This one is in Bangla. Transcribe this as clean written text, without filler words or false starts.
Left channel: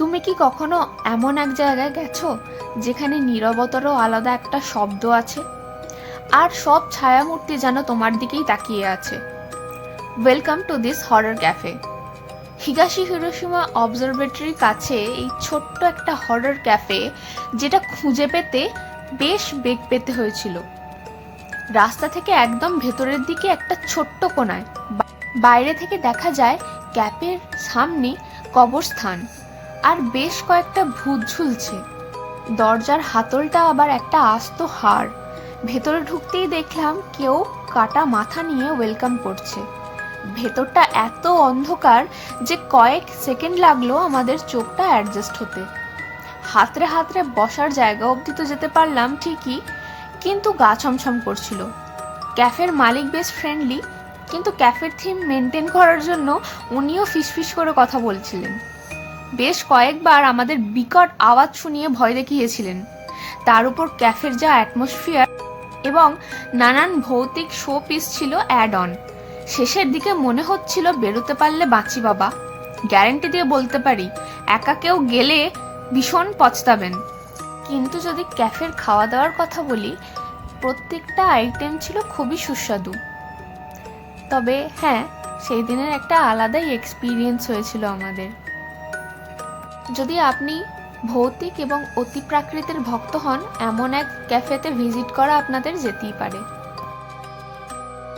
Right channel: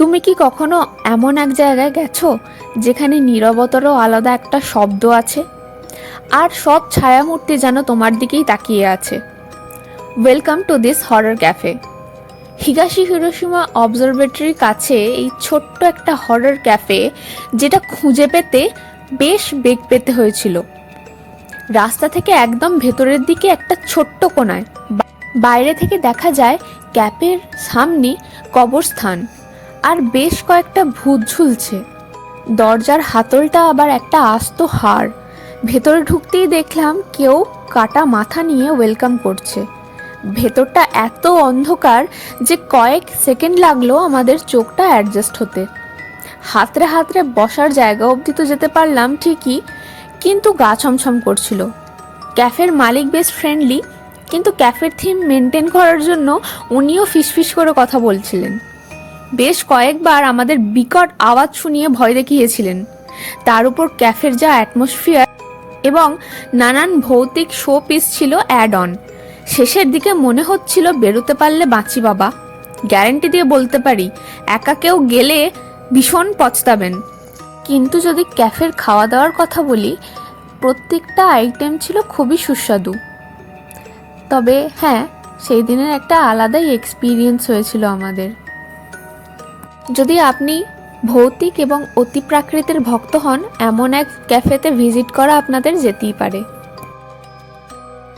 তুমি কি কখনো এমন এক জায়গায় গেছো যেখানে নীরবতারও আলাদা একটা শব্দ আছে, আর সব ছায়ামূর্তি যেন তোমার দিকেই তাকিয়ে আছে? Welcome to this horror cafe. Higashi Hiroshima অবজারভেটরির কাছে এই ছোট্ট একটা হরর ক্যাফে, যেটা খুঁজে পেতে বেশ বেগ পেতে হয়েছিল। রাস্তা থেকে একদম ভেতরের দিকে একটা ছোট্ট কোণায় বাইরে থেকে দেখা যায় ক্যাফের সামনে কবরস্থান আর বেশ কয়েকটা ভূত ঝুলছে। দরজার হাতলটা আবার একটা আস্ত হাড়। ভেতরে ঢুকতেই দেখলাম কেউ কাটা মাথা নিয়ে ওয়েলকাম করছে। ভেতরটা এত অন্ধকার যে কয়েক সেকেন্ড লাগলো আমাদের চোখটা অ্যাডজাস্ট হতে। হাতড়ে হাতড়ে বসার জায়গা অবধি তো যেতে পারলাম ঠিকই, কিন্তু গা ছমছম করছিল। ক্যাফের মালিক বেশ ফ্রেন্ডলি, কিন্তু ক্যাফের থিম মেনটেন করার জন্য উনিও ফিসফিস করে কথা বলছিলেন। বেশ কয়েকবার আমাদের বিকট আওয়াজ শুনিয়ে ভয় দেখিয়েছিলেন। তার উপর ক্যাফের যা অ্যাটমসফিয়ার এবং নানান ভৌতিক শো পিস ছিল অ্যাড অন, শেষের দিকে মনে হচ্ছিল বেরোতে পারলে বাঁচি বাবা। গ্যারেন্টি দিয়ে বলতে পারি একা কেউ গেলে ভীষণ পছতাবেন। কিন্তু যদি ক্যাফের খাওয়া দাওয়ার কথা বলি, প্রত্যেকটা আইটেম ছিল খুবই সুস্বাদু। তবে হ্যাঁ, সেই দিনের একটা আলাদাই এক্সপিরিয়েন্স হয়েছিল আমাদের। যদি আপনি ভৌতিক এবং অতি প্রাকৃতির ভক্ত হন, এমন এক ক্যাফেতে ভিজিট করা আপনাদের যেতেই পারে।